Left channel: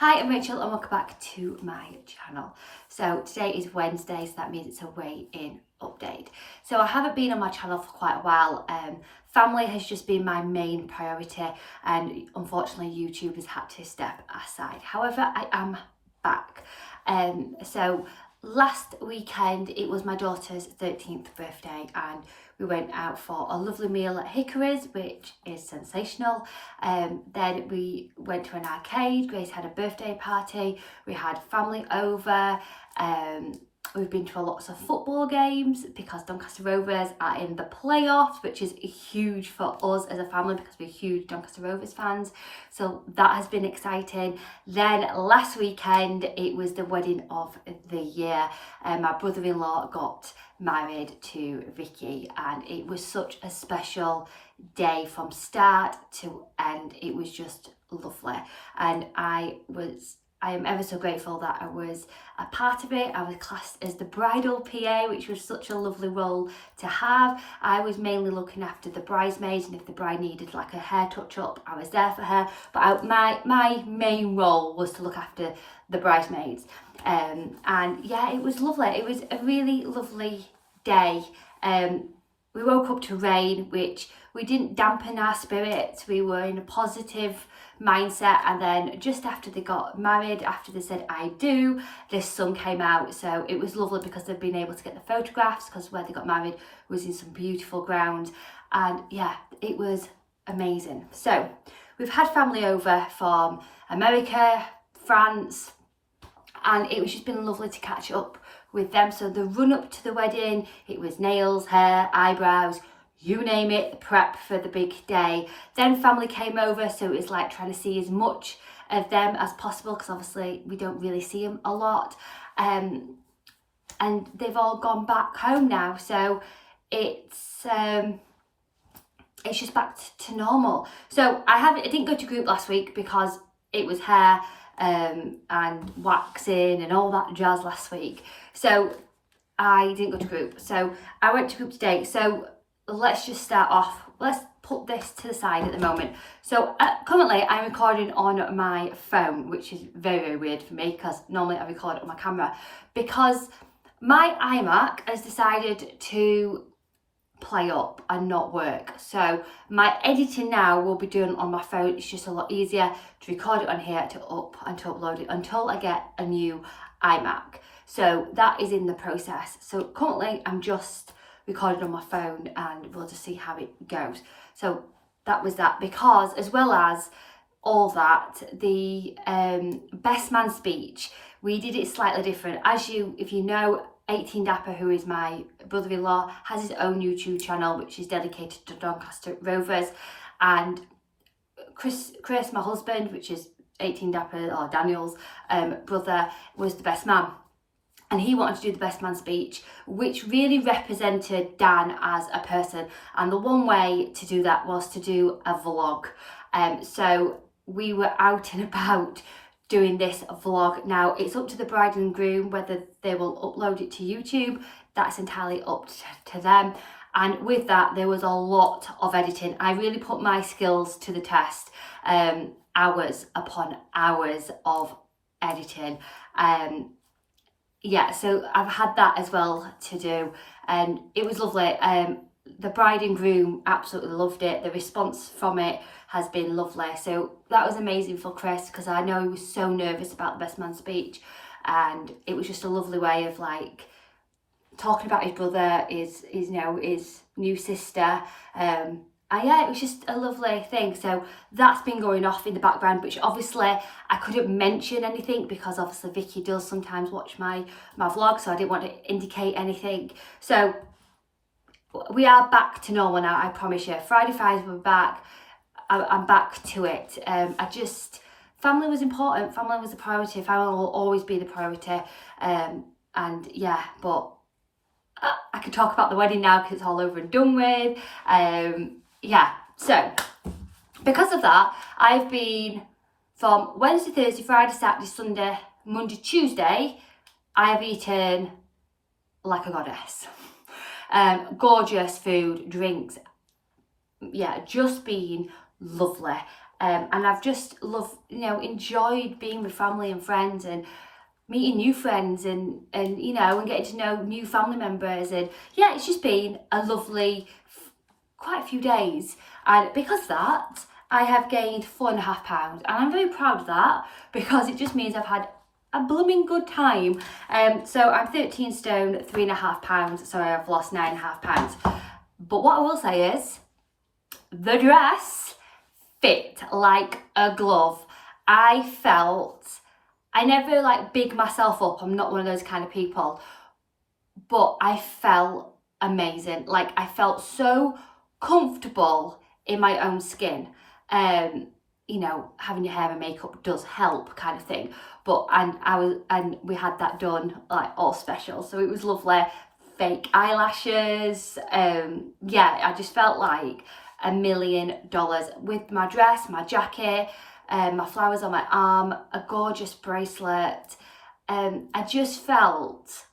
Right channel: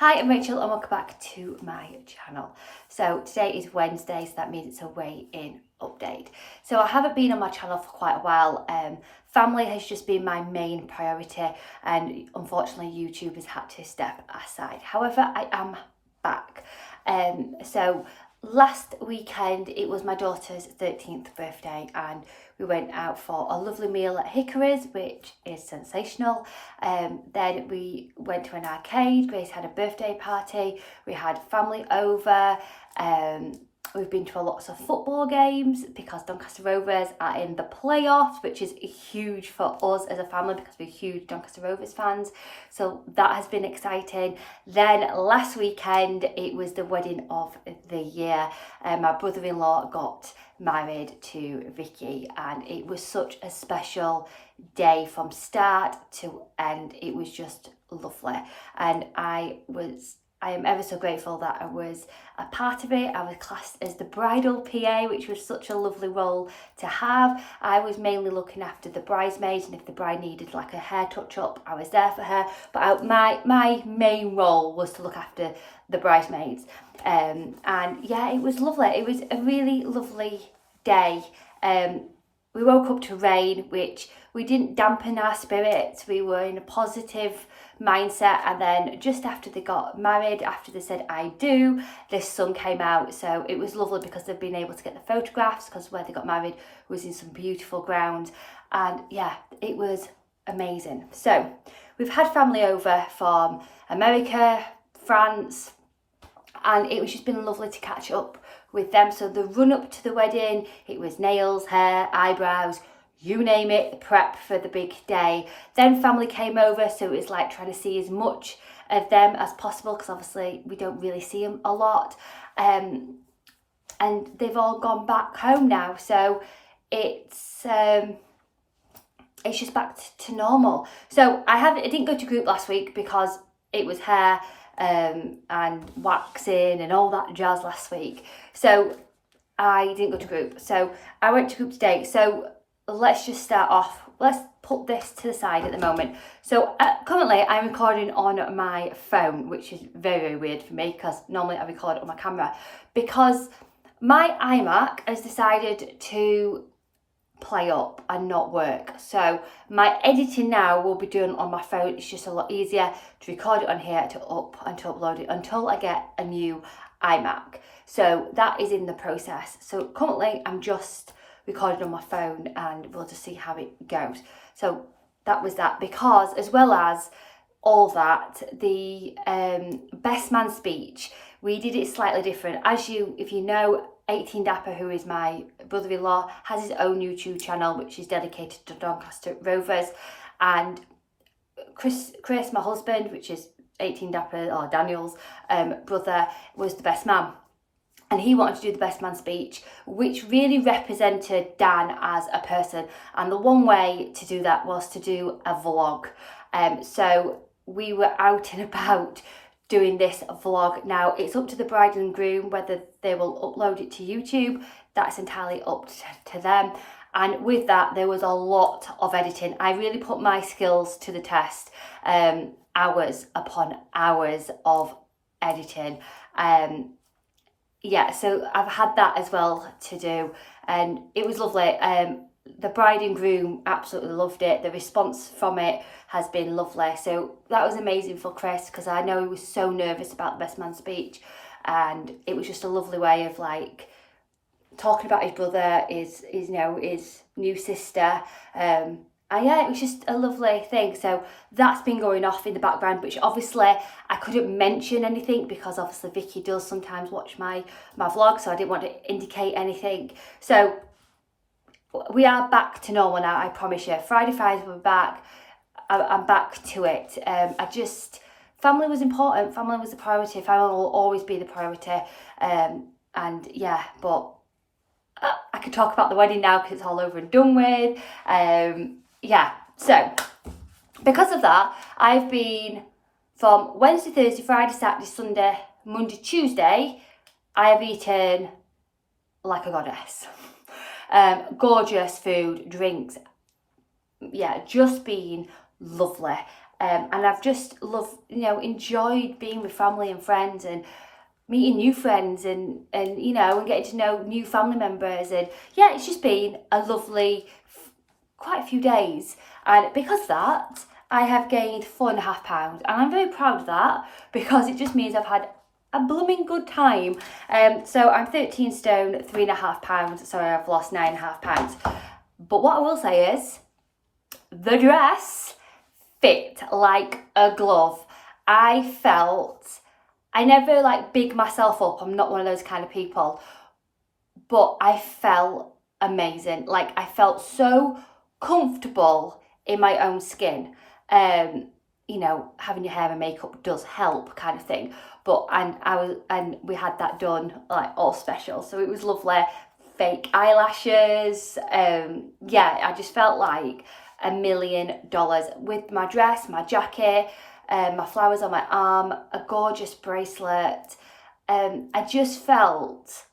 Hi, I'm Rachel and welcome back to my channel. So today is Wednesday, so that means it's a weigh-in update. So I haven't been on my channel for quite a while. Family has just been my main priority and unfortunately YouTube has had to step aside. However, I am back. So last weekend it was my daughter's 13th birthday and we went out for a lovely meal at Hickory's, which is sensational. Then we went to an arcade. Grace had a birthday party. We had family over. We've been to lots of football games because Doncaster Rovers are in the playoffs, which is huge for us as a family because we're huge Doncaster Rovers fans. So that has been exciting. Then last weekend, it was the wedding of the year. My brother-in-law got married to Vicky and it was such a special day from start to end. It was just lovely. And I am ever so grateful that I was a part of it. I was classed as the bridal PA, which was such a lovely role to have. I was mainly looking after the bridesmaids, and if the bride needed like a hair touch up, I was there for her. But my main role was to look after the bridesmaids. And yeah, it was lovely. It was a really lovely day. We woke up to rain, which we didn't dampen our spirits. We were in a positive mindset, and then just after they got married, after they said I do, the sun came out. So it was lovely because they've been able to get the photographs because where they got married was in some beautiful ground, and yeah, it was amazing. So we've had family over from America, France, and it was just been lovely to catch up with them. So the run up to the wedding, it was nails, hair, eyebrows, you name it, the prep for the big day. Then family came over, so it was like trying to see as much of them as possible because obviously we don't really see them a lot. And they've all gone back home now, so it's just back to normal. So I didn't go to group last week because it was hair and waxing and all that jazz last week. So I didn't go to group. So I went to group today. So let's just start off. Let's put this to the side at the moment. So currently I'm recording on my phone, which is very, very weird for me because normally I record on my camera, because my iMac has decided to play up and not work. So my editing now will be done on my phone. It's just a lot easier to record it on here, to upload it until I get a new iMac. So that is in the process. So currently I'm just recorded on my phone and we'll just see how it goes. So that was that, because as well as all that, the best man speech, we did it slightly different. If you know, 18 Dapper, who is my brother-in-law, has his own YouTube channel which is dedicated to Doncaster Rovers, and Chris, my husband, which is 18 Dapper or Daniel's brother, was the best man. And he wanted to do the best man speech, which really represented Dan as a person. And the one way to do that was to do a vlog. So we were out and about doing this vlog. Now, it's up to the bride and groom whether they will upload it to YouTube. That's entirely up to them. And with that, there was a lot of editing. I really put my skills to the test. Hours upon hours of editing. Yeah, so I've had that as well to do, and it was lovely. The bride and groom absolutely loved it. The response from it has been lovely. So that was amazing for Chris, because I know he was so nervous about the best man speech, and it was just a lovely way of like talking about his brother, his new sister. And yeah, it was just a lovely thing. So that's been going off in the background, which obviously I couldn't mention anything because obviously Vicky does sometimes watch my vlog, so I didn't want to indicate anything. So we are back to normal now, I promise you. Friday Fridays we're back. I'm back to it. Family was important. Family was the priority. Family will always be the priority. And yeah, but I can talk about the wedding now because it's all over and done with. Yeah, so because of that, I've been from Wednesday, Thursday, Friday, Saturday, Sunday, Monday, Tuesday, I have eaten like a goddess. Gorgeous food, drinks, yeah, just been lovely. And I've just enjoyed being with family and friends and meeting new friends and getting to know new family members. And yeah, it's just been a lovely quite a few days. And because of that, I have gained 4.5 pounds, and I'm very proud of that because it just means I've had a blooming good time. So I'm 13 stone, 3.5 pounds, so I've lost 9.5 pounds. But what I will say is, the dress fit like a glove. I never like big myself up, I'm not one of those kind of people, but I felt amazing. Like, I felt so comfortable in my own skin. Having your hair and makeup does help, kind of thing. But and we had that done like all special, so it was lovely. Fake eyelashes. I just felt like $1 million with my dress, my jacket, my flowers on my arm, a gorgeous bracelet. I just felt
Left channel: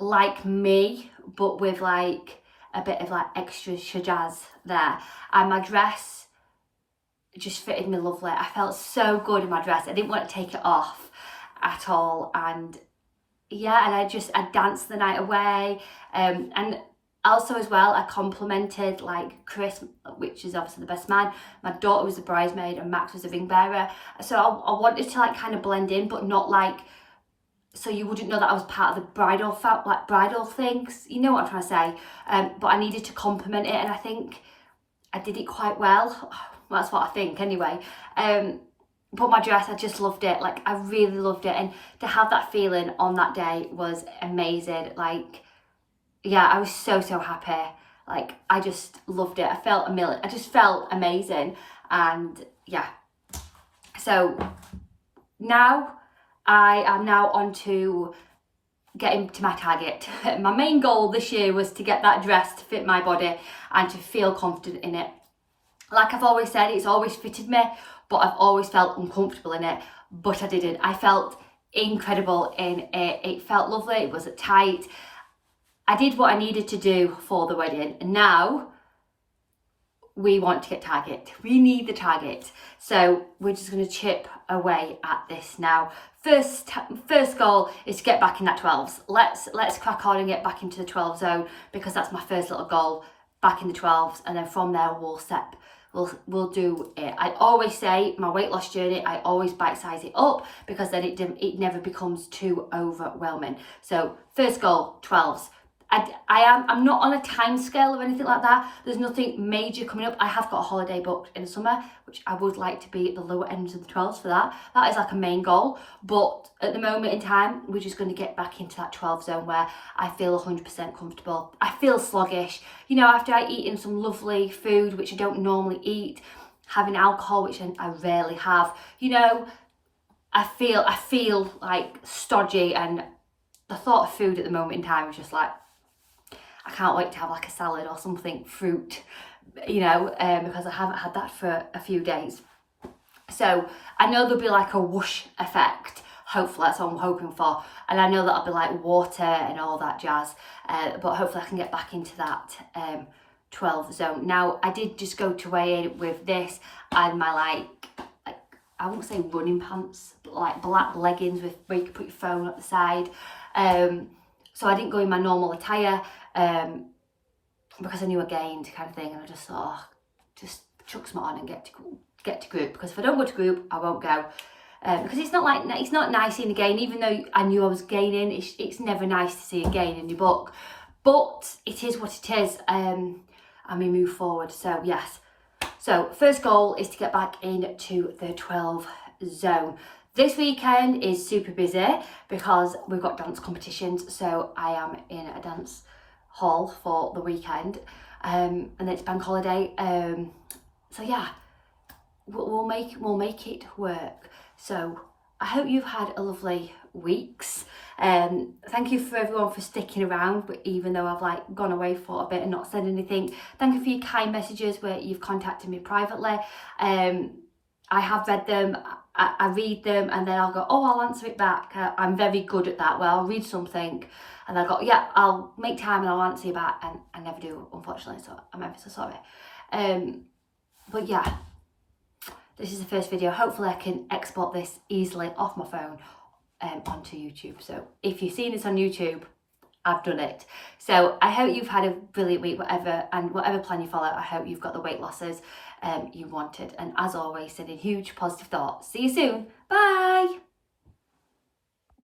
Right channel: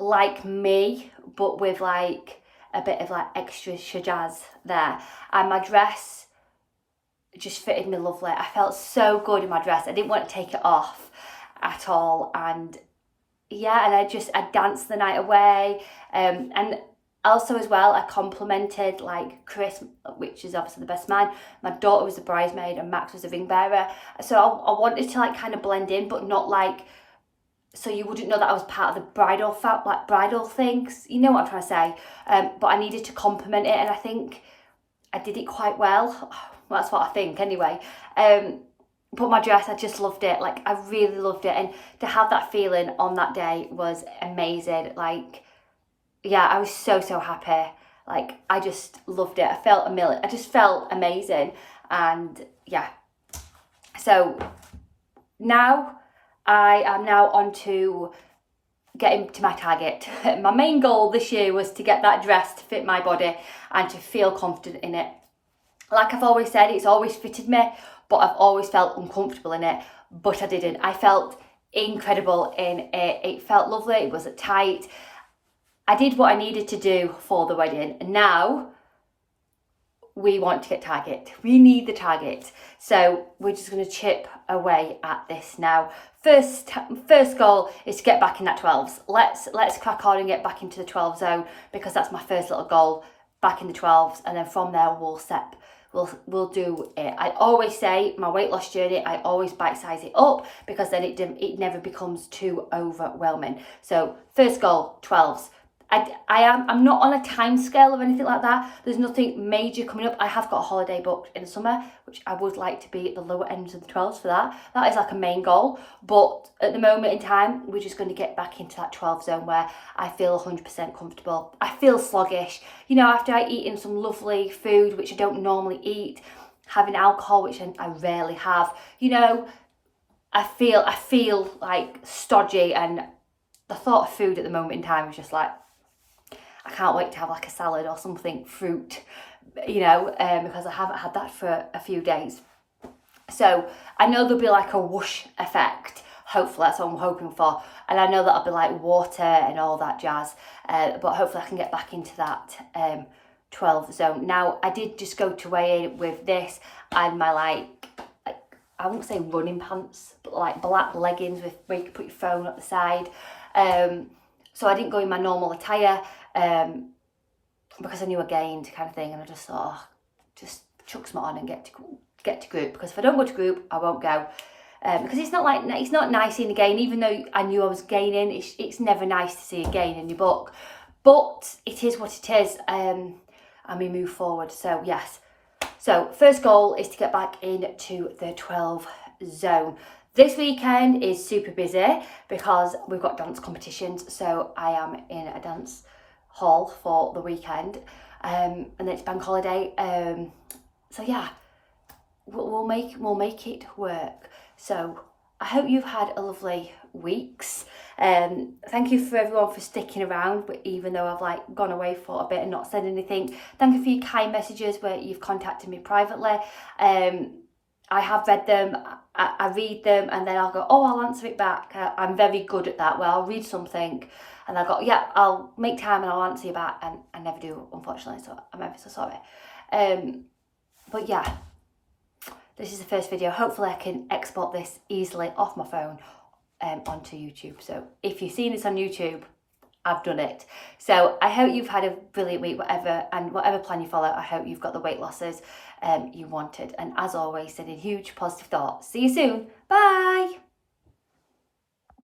like me, but with like a bit of like extra shajaz there. And my dress just fitted me lovely. I felt so good in my dress. I didn't want to take it off at all. And yeah, and I danced the night away. And also as well, I complimented like Chris, which is obviously the best man. My daughter was the bridesmaid and Max was the ring bearer. So I wanted to like kind of blend in, but not like, so you wouldn't know that I was part of the bridal things. You know what I'm trying to say? But I needed to compliment it, and I think I did it quite well. That's what I think anyway. But my dress, I just loved it. Like, I really loved it. And to have that feeling on that day was amazing. Like, yeah, I was so happy. Like, I just loved it. I just felt amazing. And yeah. So now I am now on to getting to my target. My main goal this year was to get that dress to fit my body and to feel confident in it. Like I've always said, it's always fitted me, but I've always felt uncomfortable in it, but I didn't. I felt incredible in it. It felt lovely, it wasn't tight. I did what I needed to do for the wedding, and now we want to get target. We need the target. So we're just going to chip away at this now. First goal is to get back in that 12s. Let's crack on and get back into the 12 zone, because that's my first little goal, back in the 12s, and then from there we'll do it. I always say my weight loss journey, I always bite size it up, because then it never becomes too overwhelming. So first goal, 12s. I'm not on a time scale or anything like that. There's nothing major coming up. I have got a holiday booked in the summer, which I would like to be at the lower ends of the 12s for that. That is like a main goal. But at the moment in time, we're just going to get back into that 12 zone where I feel 100% comfortable. I feel sluggish. After I eat in some lovely food, which I don't normally eat, having alcohol, which I rarely have, I feel like stodgy, and the thought of food at the moment in time is just like, I can't wait to have like a salad or something, fruit, because I haven't had that for a few days. So I know there'll be like a whoosh effect. Hopefully that's what I'm hoping for. And I know that'll be like water and all that jazz. But hopefully I can get back into that 12 zone. Now, I did just go to weigh in with this and my like I won't say running pants, but like black leggings with where you can put your phone at the side. So I didn't go in my normal attire. Because I knew I gained, kind of thing, and I just thought, just chuck some on and get to group, because if I don't go to group, I won't go, because it's not nice seeing a gain. Even though I knew I was gaining, it's never nice to see a gain in your book, but it is what it is, and we move forward. So yes, so first goal is to get back into the 12 zone. This weekend is super busy because we've got dance competitions, so I am in a dance hall for the weekend, and then it's bank holiday, so yeah, we'll make it work. So I hope you've had a lovely weeks. Thank you for everyone for sticking around, but even though I've like gone away for a bit and not said anything, thank you for your kind messages where you've contacted me privately. I have read them, I read them, and then I'll go, oh, I'll answer it back. I'm very good at that, where I'll read something and I'll go, yeah, I'll make time and I'll answer you back, and I never do, unfortunately, so I'm ever so sorry. But yeah, This is the first video. Hopefully I can export this easily off my phone onto YouTube. So if you've seen this on YouTube, I've done it. So I hope you've had a brilliant week, whatever plan you follow. I hope you've got the weight losses you wanted. And as always, sending huge positive thoughts. See you soon. Bye.